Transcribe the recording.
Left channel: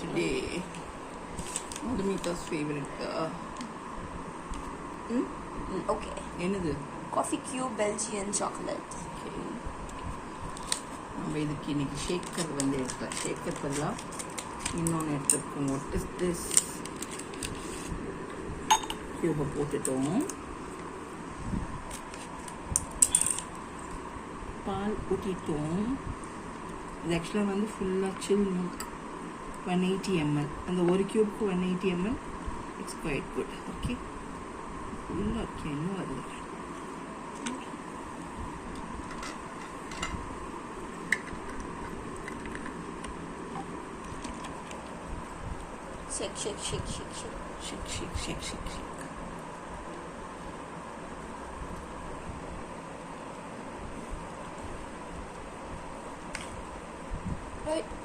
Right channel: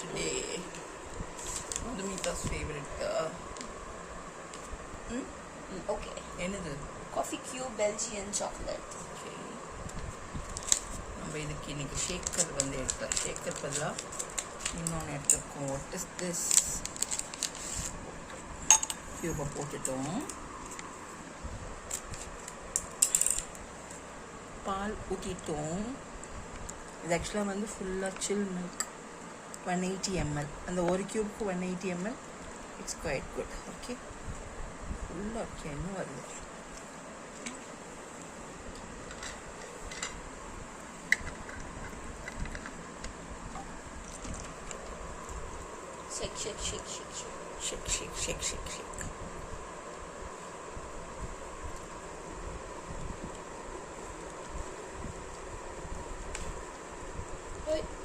today. Madhumita's favorite. Okay. என்னது? Coffee Cube Belgian chocolate. நம்ம இதுக்கு இன்னைக்கு ஷேக்கர் வந்து எடுக்கலாம். ஷேக்கர் பதிலாக இன்னொன்று எடுத்துருக்கோம். What is this? கியூபை போட்டுட்டோம். பால் ஊற்றிட்டோம். இது ஆக்சுவலாக வந்து ஃபுல்லாக சில் மில்க் 180 ml. அந்த ஒரு கியூப்க்கு 180 ml. It's quite good. Okay, ஃபுல்லாக ஓகே. இன்னும் வருது. Shake, shake, shake, shake, shake. Shake, shake, shake, shake, shake. Right.